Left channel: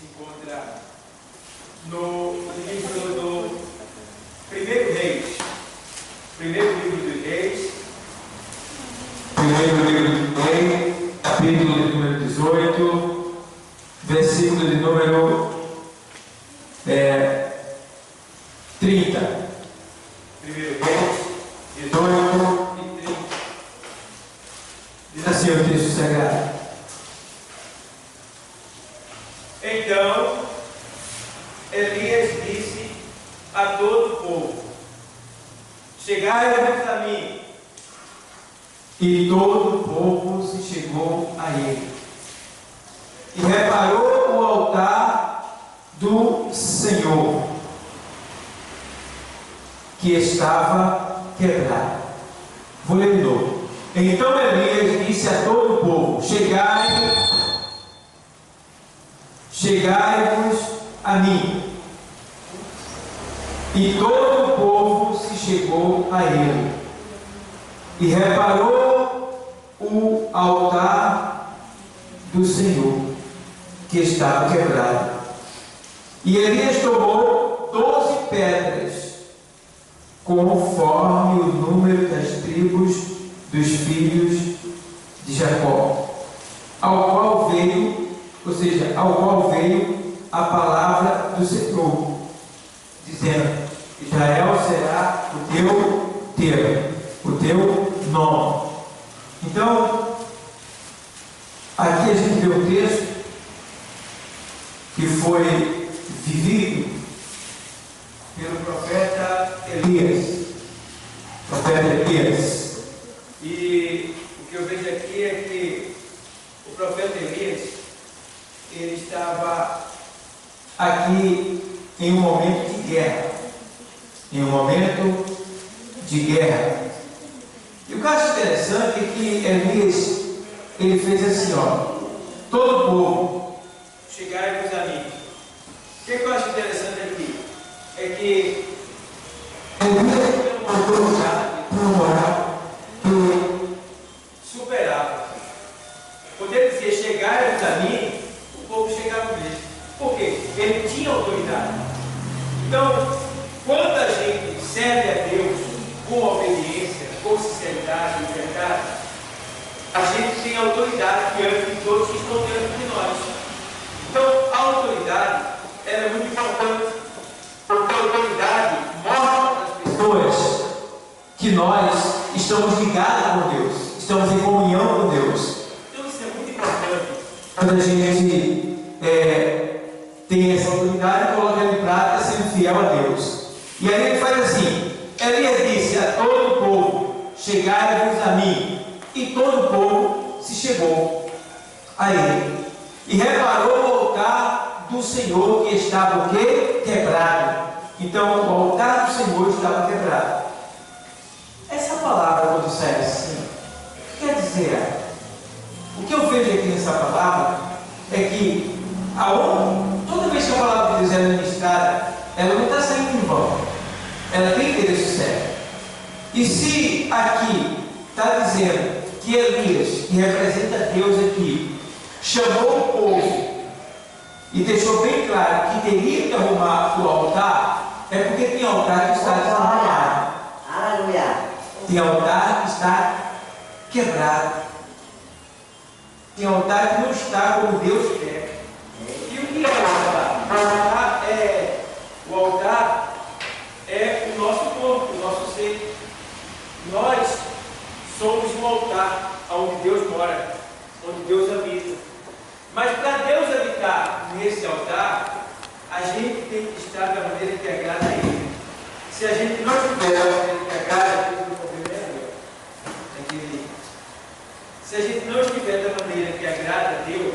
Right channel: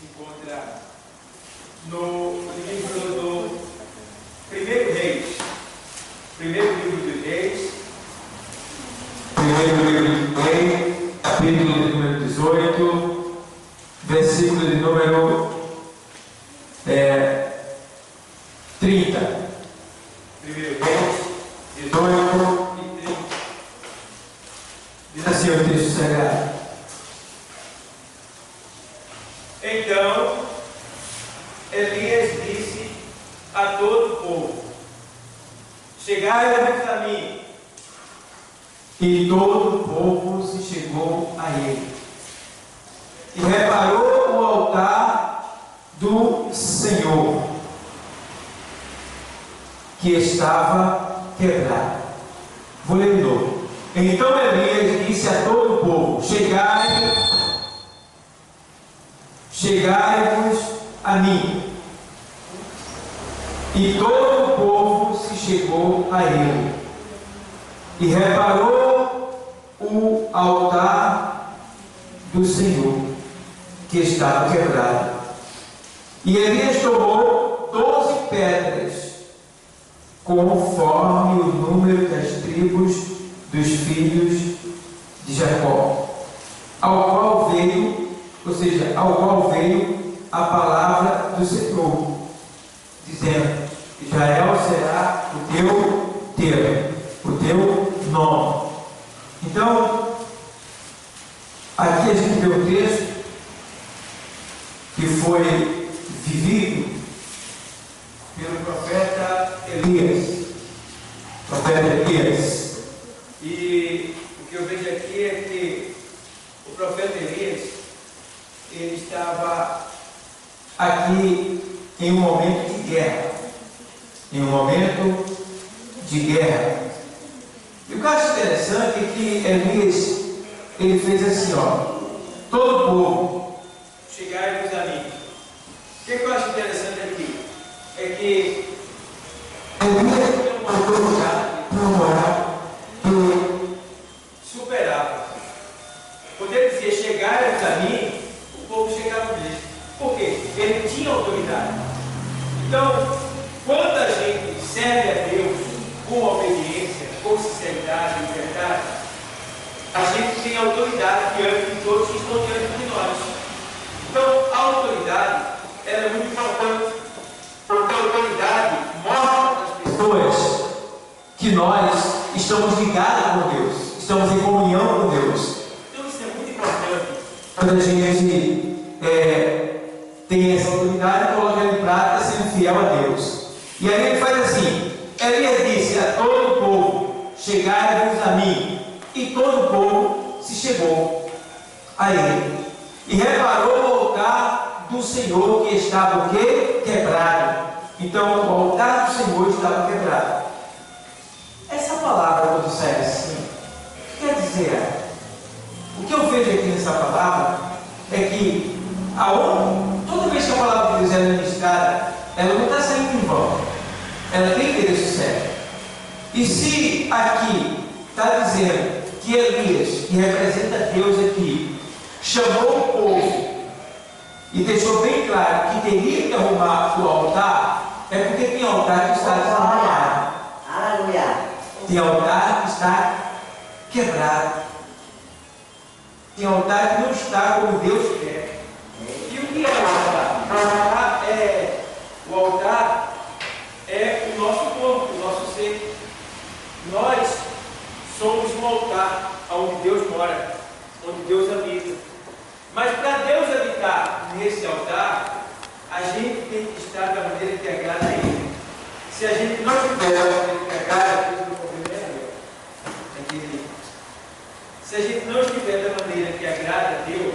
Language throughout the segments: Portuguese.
se encontra no livro do Primeiro Reis. Primeiro livro dos Reis. Primeiro livro de Reis, capítulo de número 18, versículo de número 30. Primeiro Reis, 18 e 30. Diz assim o texto sagrado. Então, Elias disse a todo o povo: chegai-vos a mim. E todo o povo se chegou a ele. E reparou o altar do Senhor, que estava quebrado. Vou ler de novo. Então Elias disse a todo o povo: chegai-vos a mim. E todo o povo se chegou a ele. E reparou o altar do Senhor, que estava quebrado. E Elias tomou 12 pedras, conforme o número das tribos dos filhos de Jacó, ao qual veio a palavra do Senhor, dizendo: Israel será o teu termo, o teu nome. Então, aqui a gente vê o texto que foi vivido pelo profeta Elias. E o que eu vejo aqui é que o profeta Elias, ele estava Aqui em um momento de guerra. Em um momento de guerra. E o que eu acho interessante é que Elias, ele fez assim, todo o povo, chegai-vos a mim. O que eu acho interessante aqui é que Elias tem uma autoridade moral que superava. Quando ele dizia chegai-vos a mim, o povo chegava mesmo. Por quê? Ele tinha autoridade. Então, quando a gente serve a Deus com obediência, com sinceridade e verdade, a gente tem autoridade diante de todos que estão diante de nós. Então, a autoridade, ela é muito importante, porque a autoridade mostra às pessoas que nós estamos ligados com Deus, estamos em comunhão com Deus. Então, isso é muito importante. Quando a gente tem essa autoridade, coloca ela em prática, sendo fiel a Deus. E aí ele faz assim: Elias disse a todo o povo: chegai-vos a mim. E todo o povo se chegou a ele. E reparou o altar do Senhor, que estava o quê? Quebrado. Então o altar do Senhor estava quebrado. Essa palavra, quando sai assim, o que quer dizer? O que eu vejo aqui nessa palavra é que toda vez que a palavra de Deus é ministrada, ela não está saindo em vão, ela tem endereço certo. E se aqui está dizendo que Elias, que representa Deus aqui, chamou o povo e deixou bem claro que teria que arrumar o altar, é porque tem altar que está desarrumado. Aleluia. Tem altar que está quebrado. Tem altar que não está como Deus quer. E o que é o altar? O altar é o nosso corpo, o nosso ser. Nós somos um altar onde Deus mora, onde Deus habita. Mas para Deus habitar nesse altar, a gente tem que estar da maneira que agrada a Ele. Se a gente não estiver da maneira que agrada a Ele, se a gente não estiver da maneira que agrada a Deus,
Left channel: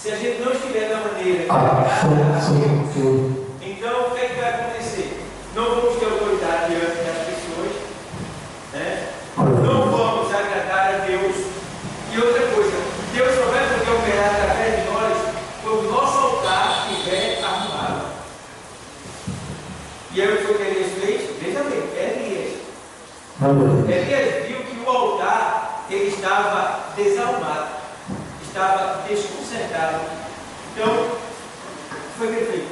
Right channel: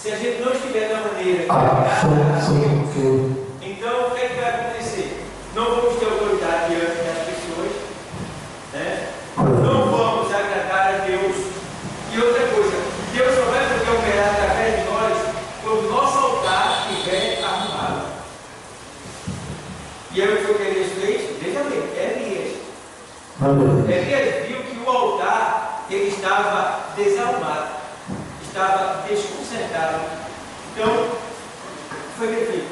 se a gente não estiver da maneira que agrada a Deus, então o que é que vai acontecer? Não vamos ter autoridade diante das pessoas, né? Não vamos agradar a Deus. E outra coisa, Deus só vai poder operar através de nós quando o nosso altar estiver arrumado. E aí o que Elias fez? Veja bem, Elias viu que o altar ele estava desarrumado. estava desconcertado. Então, o que foi que ele fez?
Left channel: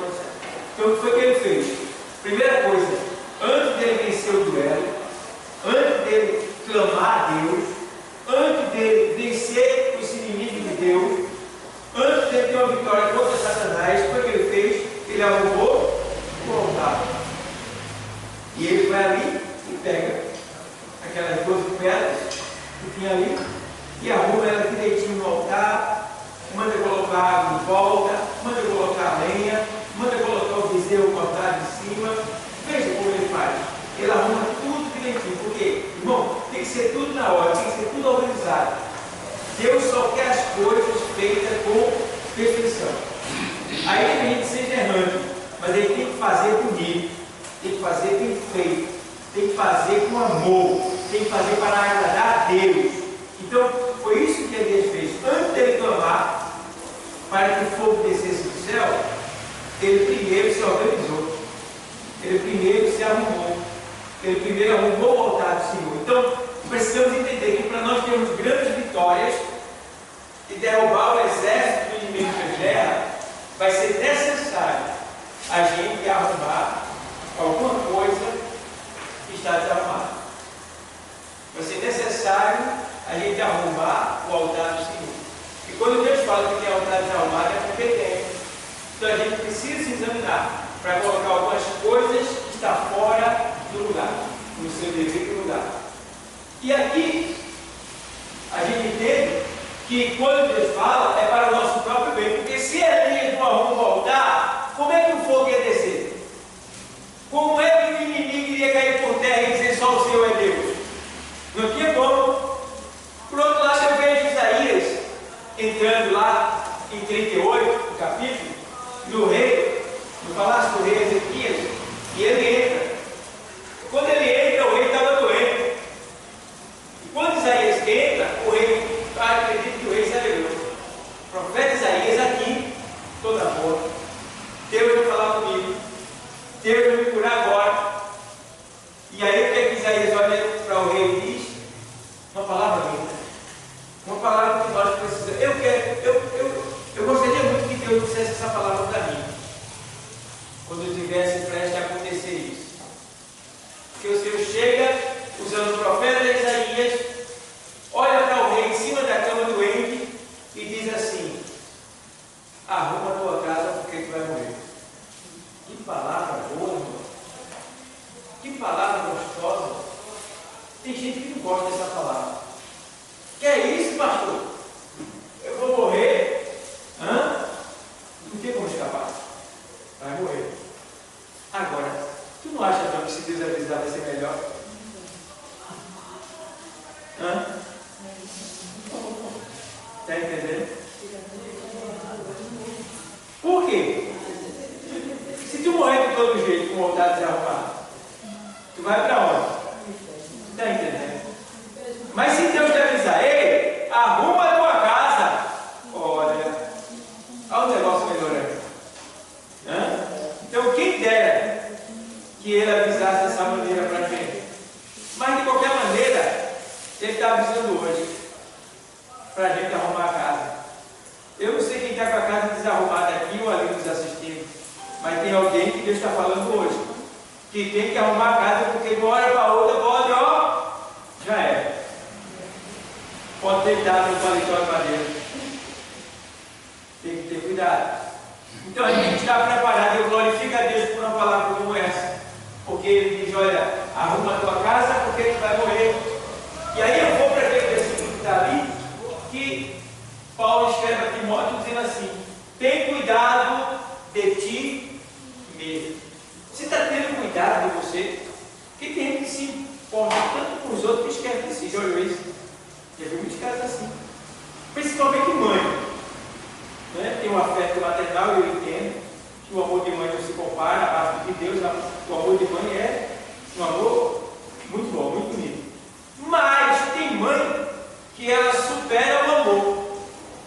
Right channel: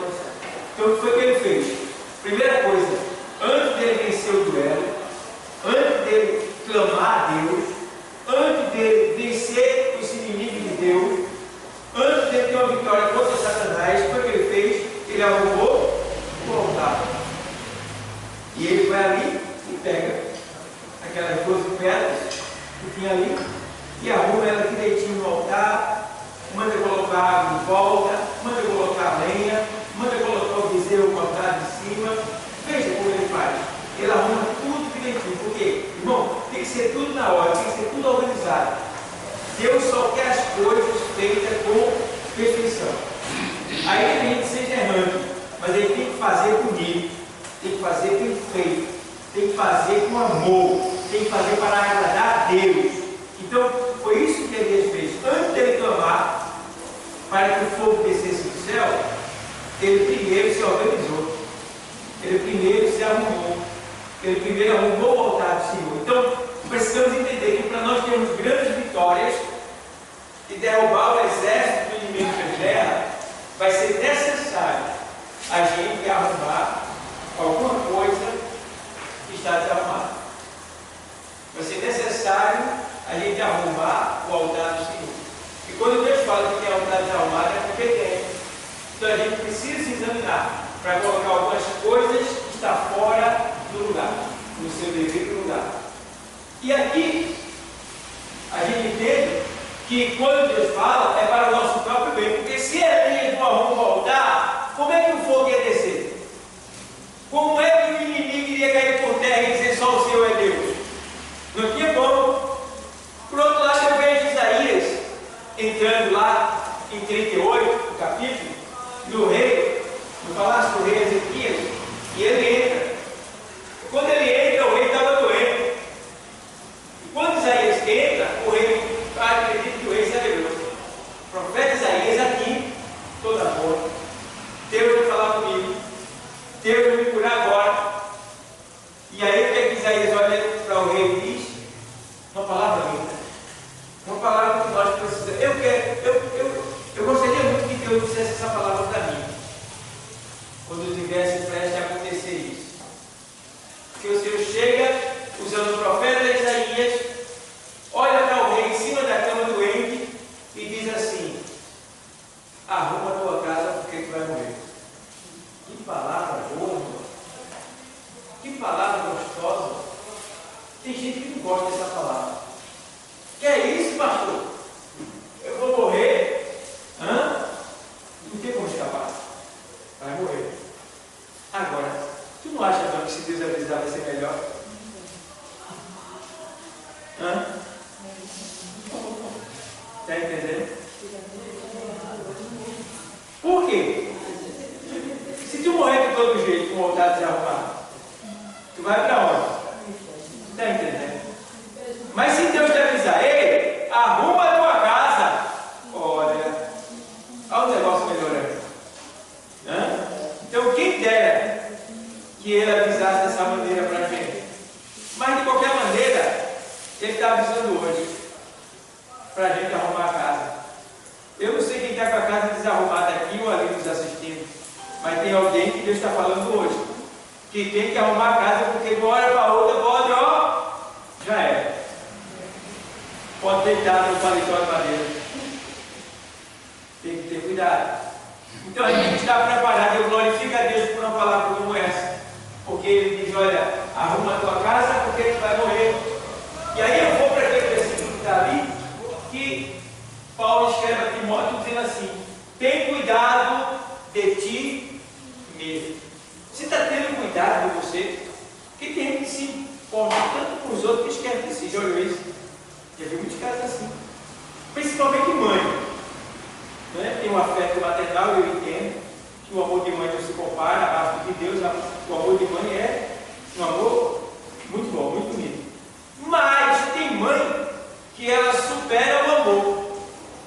Então, o que foi que ele fez? Primeira coisa, antes dele vencer o duelo, antes dele clamar a Deus, antes dele vencer os inimigos de Deus, antes dele ter uma vitória contra Satanás, o que ele fez? Ele arrumou o altar. E ele vai ali e pega aquelas 12 pedras que tinha ali e arruma ela direitinho no altar, manda colocar água em volta, manda colocar lenha, manda colocar o bezerro cortado em cima. Veja como ele faz. Ele arruma tudo direitinho. Porque, irmão, tem que ser tudo na hora, tem que ser tudo organizado. Deus só quer as coisas feitas com perfeição. Aí a gente seja errante, mas ele tem que fazer bonito, tem que fazer bem feito, tem que fazer com amor, tem que fazer para agradar a Deus. Então, foi isso que Elias fez. Antes dele clamar para que o fogo descesse do céu, ele primeiro se organizou, ele primeiro se arrumou, ele primeiro arrumou o altar do Senhor. Então, precisamos entender que para nós termos grandes vitórias e derrubar o exército do inimigo da guerra, vai ser necessário a gente arrumar alguma coisa que está desarrumada. Vai ser necessário a gente arrumar o altar do Senhor. E quando Deus fala que tem altar desarrumado, é porque tem. Então a gente precisa se examinar para colocar algumas coisas que estão fora do lugar, no seu devido lugar. E aqui a gente entende que quando Deus fala é para o nosso próprio bem, porque se Elias não arruma o altar, como é que o fogo ia descer? Como é que o inimigo iria cair por terra e dizer só o Senhor é Deus? Não tinha como. Por outro lado, eu vejo Isaías entrando lá em 38, no capítulo, no rei, no palácio do rei Ezequias, e ele entra. Quando ele entra, o rei estava doente. E quando Isaías entra, o rei acredita que o rei se alegrou. O profeta Isaías aqui, toda boa. Deus vai falar comigo. Deus vai me curar agora. E aí o que é que Isaías olha para o rei e diz? Uma palavra linda. Uma palavra que nós precisamos. Eu gostaria muito que Deus dissesse essa palavra para mim. Quando eu tivesse prestes a acontecer isso. Que o Senhor chega, usando o profeta Isaías, olha para o rei em cima da cama doente e diz assim: arruma a tua casa porque tu vai morrer. Que palavra boa, irmão. Que palavra gostosa. Tem gente que não gosta dessa palavra. Que é isso, pastor? Eu vou morrer? Hã? Não tem como escapar. Vai morrer. Agora, tu não acha não que se Deus avisar vai ser melhor? Hã? Está entendendo? Por quê? Se tu morrer de todo jeito com vontade de desarrumado, tu vai para onde? Está entendendo? Mas se Deus te avisar, ei, arruma a tua casa, olha o negócio melhorando. Então quem dera que ele avisasse dessa maneira para a gente. Mas de qualquer maneira, ele está avisando hoje para a gente arrumar a casa. Eu não sei quem está com a casa desarrumada aqui ou ali nos assistindo, mas tem alguém que Deus está falando hoje, que tem que arrumar a casa, porque de uma hora para outra pode, já é. Pode deitar no paletó de madeira. Tem que ter cuidado. Então a gente está preparado. Eu glorifico a Deus por uma palavra como essa, porque Ele diz: olha, arruma a tua casa porque tu vai morrer. E aí eu vou para aquele versículo que está ali, que Paulo escreve a Timóteo dizendo assim: tem cuidado de ti mesmo. Você está tendo cuidado de você? Porque tem gente que se importa tanto com os outros que esquece de si. Já olhou isso? Já vi muitos casos assim. Principalmente mãe. Né? Tem um afeto maternal, eu entendo que o amor de mãe não se compara abaixo de Deus. O amor de mãe é um amor muito bom, muito bonito. Mas tem mãe que ela supera o amor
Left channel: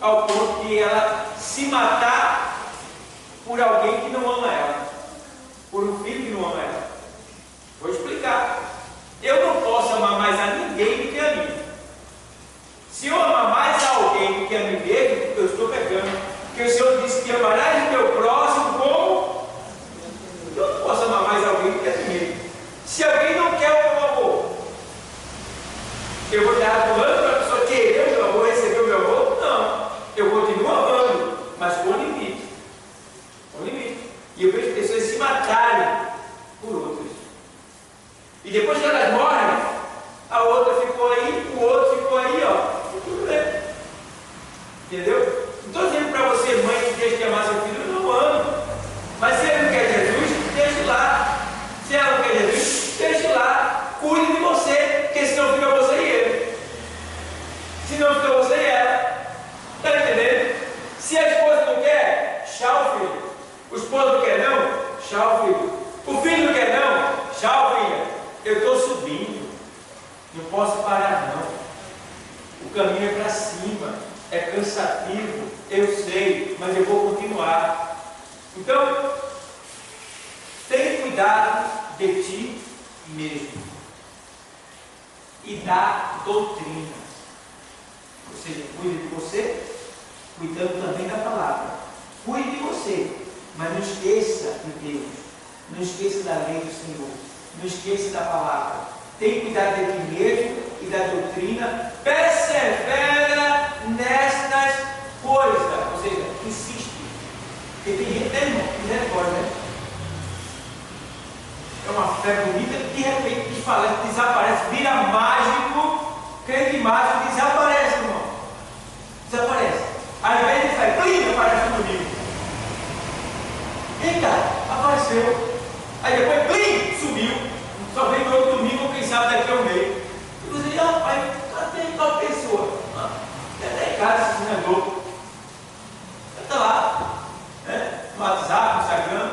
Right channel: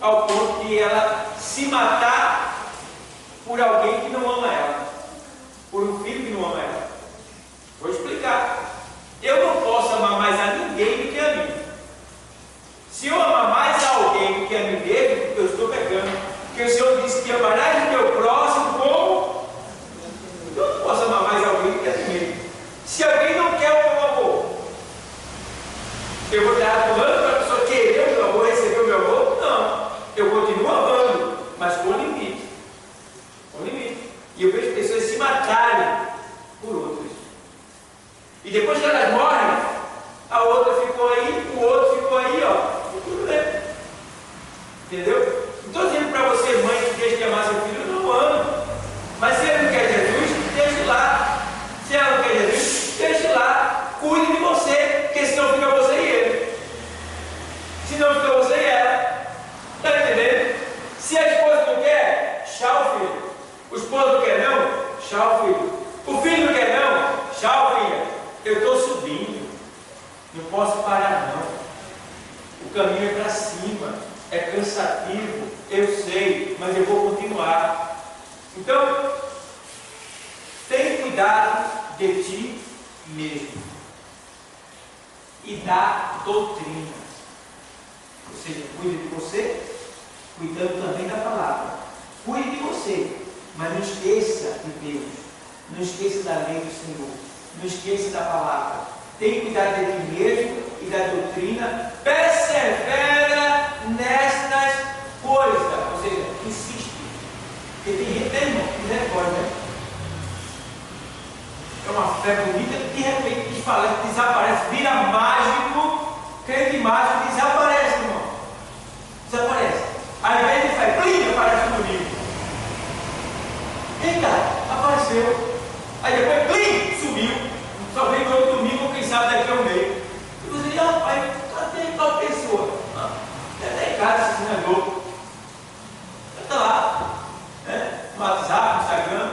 ao ponto de ela se matar por alguém que não ama ela, por um filho que não ama ela. Vou explicar. Eu não posso amar mais a ninguém do que a mim. Se eu amar mais a alguém do que a mim mesmo, Porque o Senhor disse que amarás o teu próximo como eu não posso amar mais alguém do que a mim mesmo. Se alguém não quer o meu amor, eu vou estar atuando para a pessoa querer o meu amor, receber o meu amor? Não. Eu continuo amando, mas com limite. Com limite. E eu vejo pessoas se matarem por outros. E depois que elas morrem, a outra ficou aí, o outro ficou aí, ó. E tudo bem. Entendeu? Não estou dizendo para você, mãe, que deixe de amar seu filho, eu não amo. Mas se ele não quer Jesus, deixe lá. Se ela não quer Jesus, deixe lá. Cuide de você, porque senão fica você e ele. Senão fica você e ela. Está entendendo? Se a esposa não quer, tchau, filho. O esposo não quer não, tchau, filho. O filho não quer não, tchau, filha. Eu estou subindo. Não posso parar não. O caminho é para cima. É cansativo, eu sei, mas eu vou continuar. Então, tenha cuidado de ti mesmo e da doutrina. Ou seja, cuide de você, cuidando também da palavra. Cuide de você, mas não esqueça de Deus. Não esqueça da lei do Senhor. Não esqueça da palavra. Tenha cuidado de ti mesmo e da doutrina. Persevera nestas coisas. Ou seja, insiste. Porque tem gente, misericórdia, né? É uma fé bonita que de repente desaparece, vira mágico, crente mágico, desaparece, irmão. Desaparece. Ao invés de fazer, plim, aparece no domingo. Eita, apareceu. Aí depois, plim, sumiu. Só vem no outro domingo, quem sabe daqui a um mês. E você diz, rapaz, cadê tal pessoa? Até em casa, esse não é louco. Está lá, né? No WhatsApp, no Instagram,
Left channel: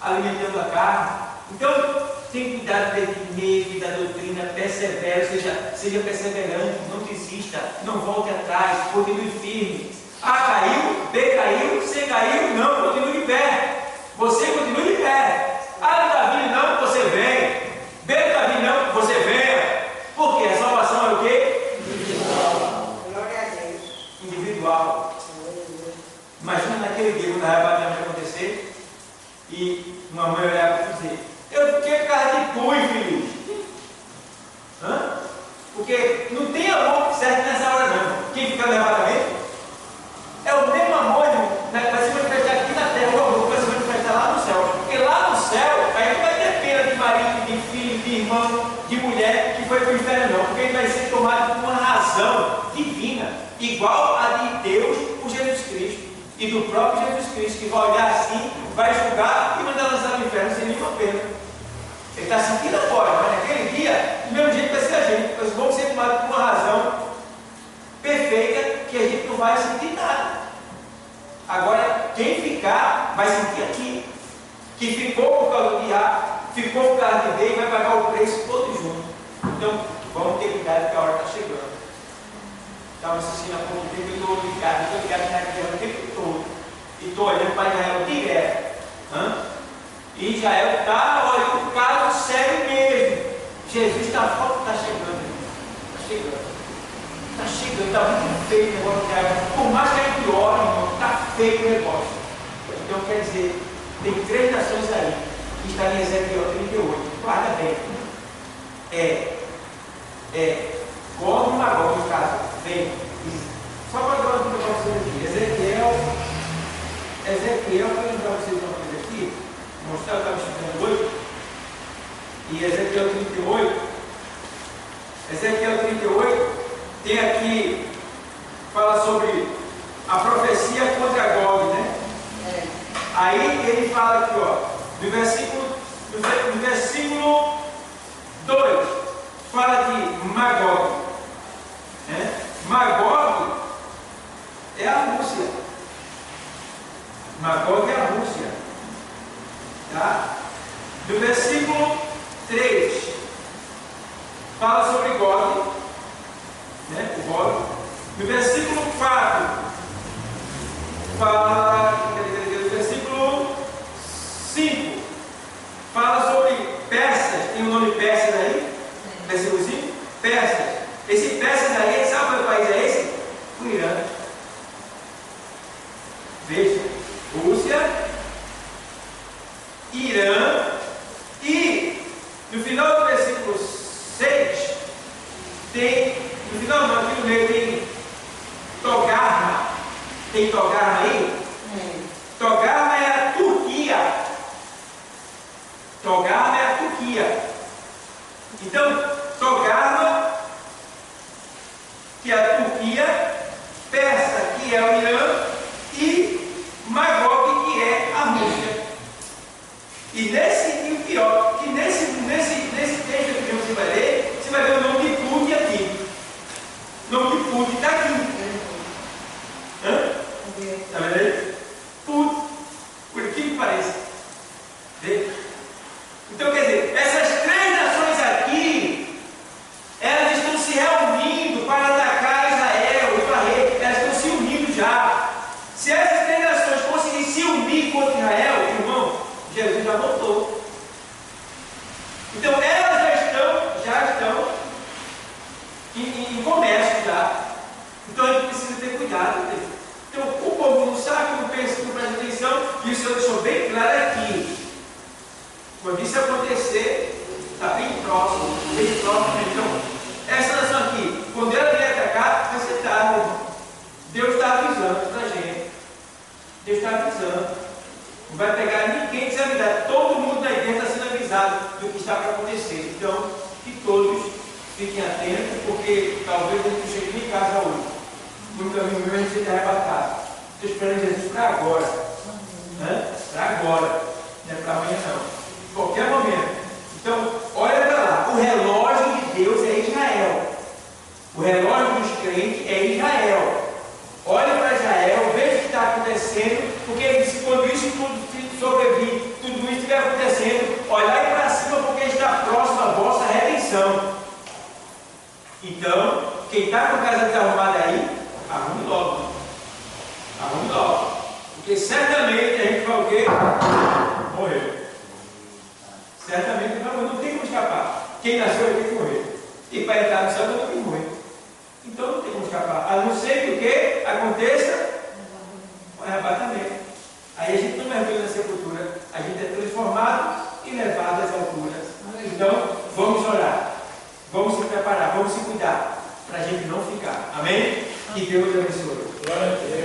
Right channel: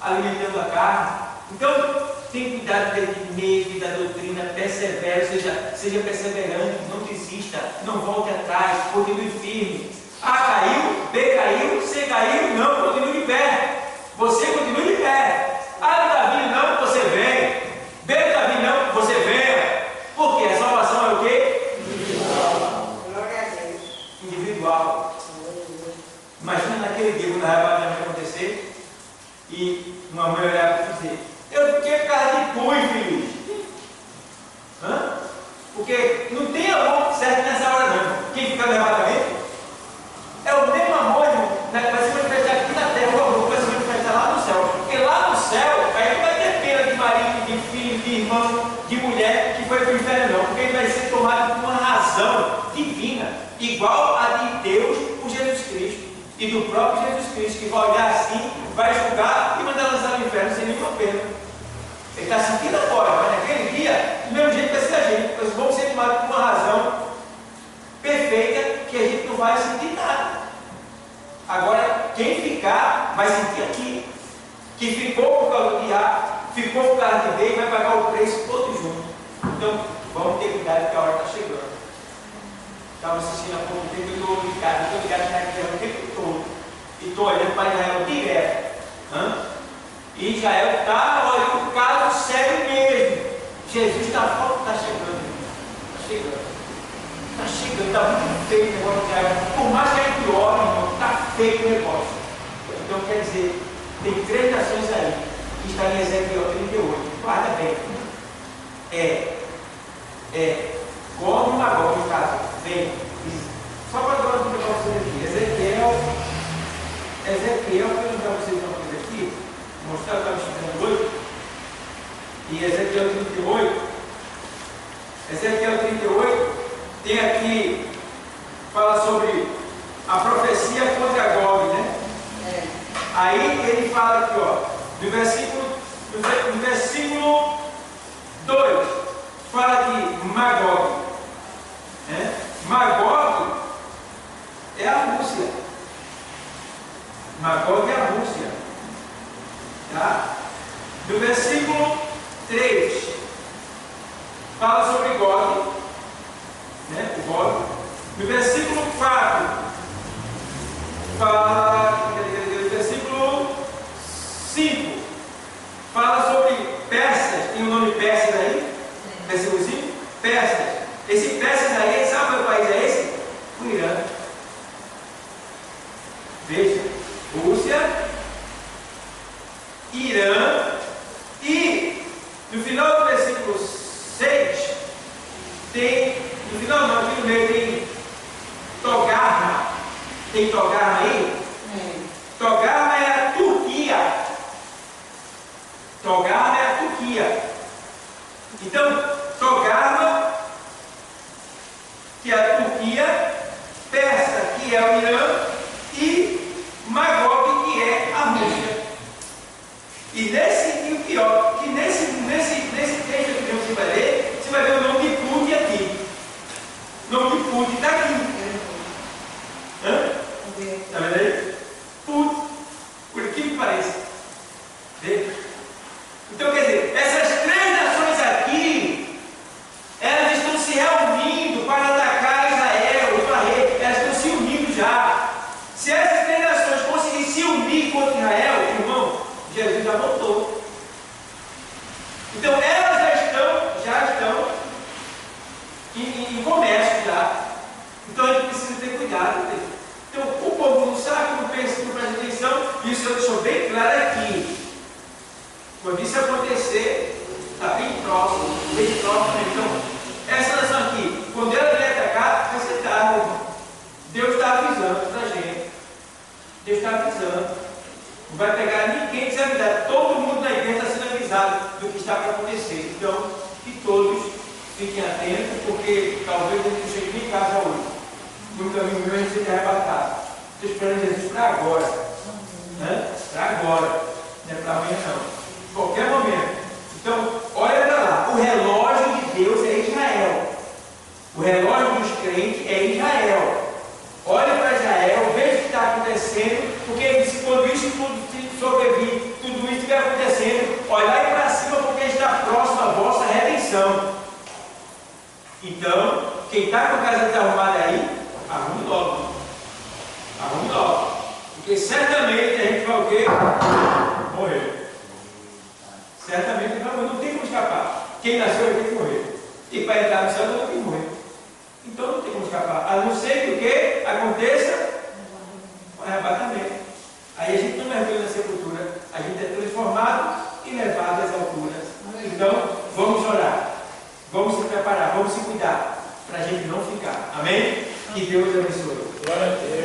alimentando a carne. Então, tem cuidado de ti mesmo e da doutrina, persevere, seja perseverante, não desista, não volte atrás, continue firme. A caiu, B caiu, C caiu, não, continue de pé. Você continue de pé. A não está vindo, não, você vem. B não está vindo, não, você venha. Porque a salvação é o quê? Individual. Glória a Deus. Individual. Imagina naquele dia quando a arrebatamento acontecer e uma mãe olhar para dizer: eu fiquei por causa de tu, infeliz. Porque não tem amor certo nessa hora, não. Quem fica no arrebatamento é o mesmo amor, irmão. Vai se manifestar aqui na terra, o amor vai se manifestar lá no céu. Porque lá no céu, aí não vai ter pena de marido, de filho, de irmão, de mulher que foi para o inferno, não. Porque ele vai ser tomado por uma razão divina, igual a de Deus por Jesus Cristo. E do próprio Jesus Cristo, que vai olhar assim, vai julgar e mandar lançar no inferno sem nenhuma pena. Ele está sentindo agora, mas naquele dia, do mesmo jeito vai ser a gente. Nós vamos ser tomados por uma razão perfeita que a gente não vai sentir nada. Agora, quem ficar, vai sentir aqui. Que ficou por causa de A, ficou por causa de B e vai pagar o preço todo junto. Então, vamos ter cuidado que a hora está chegando. Estava assistindo há pouco tempo, eu estou ligado na guerra o tempo todo. E estou olhando para Israel direto. E Israel está olhando um caso sério mesmo. Jesus está chegando. Está chegando. Está chegando, está muito feio o negócio de Israel. Por mais que a gente ore, irmão, está feio o negócio. Então quer dizer, tem 3 nações aí, que está em Ezequiel 38. Guarda bem. Gog e Magog, no caso, vem. Só para dar uma dica para vocês aqui. Ezequiel, para lembrar vocês uma coisa aqui, mostrar, eu estava estudando hoje, e Ezequiel 38, tem aqui, fala sobre a profecia contra Gog, né? Aí ele fala aqui, ó, no versículo 2, fala de Magog. Magog é a Rússia. Magog é a Rússia. Tá? No versículo 3 fala sobre Gog, né? O Gog. No versículo 4 fala, no versículo 5 fala sobre persas. Tem o nome persas aí? Versículo 5, persas. Esse persas aí, sabe qual país é esse? O Irã. Veja, Rússia, Irã, e no final do versículo 6, tem, no final não, aqui no meio tem Togarma. Tem Togarma aí? Togarma é a Turquia. Togarma é a Turquia. Então, Togarma, que é a Turquia, Persa, que é o Irã, e Magog, que é a Rússia. E o pior, que nesse texto que você vai ver o nome de Putin aqui. O nome de Putin está aqui. Está vendo aí? Putin, por que parece. Vê? Então, quer dizer, essas três nações aqui, elas estão se reunindo para atacar Israel, elas estão se unindo já. Se essas três nações conseguirem se unir contra Israel, irmão, Jesus já voltou. Então, elas já estão em comércio já. Então, a gente precisa ter cuidado. Então, o povo não sabe, não pensa, não presta atenção, e isso eu deixou bem claro aqui. Quando isso acontecer, está bem próximo. Então, essa nação aqui, quando ela vier atacar, vai ser tarde, irmão. Deus está avisando para a gente. Deus está avisando. Não vai pegar ninguém desavisado. Todo mundo na igreja está sendo avisado do que está para acontecer. Então, que todos fiquem atentos, porque talvez a gente não chegue em casa hoje. No caminho meu a gente seja arrebatado. Estou esperando Jesus para agora. Né? Para agora. Não é para amanhã não. Qualquer momento. Então, olha para lá. O relógio de Deus é Israel. O relógio dos crentes é Israel. Olha para Israel, veja o que está acontecendo, porque quando isso tudo sobrevir, tudo isso estiver acontecendo, olhai para cima, porque está próximo à vossa redenção. Então, quem está com a casa desarrumada aí, arrume logo. Arrume logo. Porque certamente a gente vai o quê? Morrer. Certamente não tem como escapar. Quem nasceu vai ter que morrer. E para entrar no céu não tem que morrer. Então não tem como escapar. A não ser que o que aconteça? O arrebatamento. Aí a gente não mergulha na sepultura. A gente é transformado e levado às alturas. Então vamos orar. Vamos se preparar. Vamos se cuidar. Para a gente não ficar. Amém? Que Deus abençoe. Glória a Deus.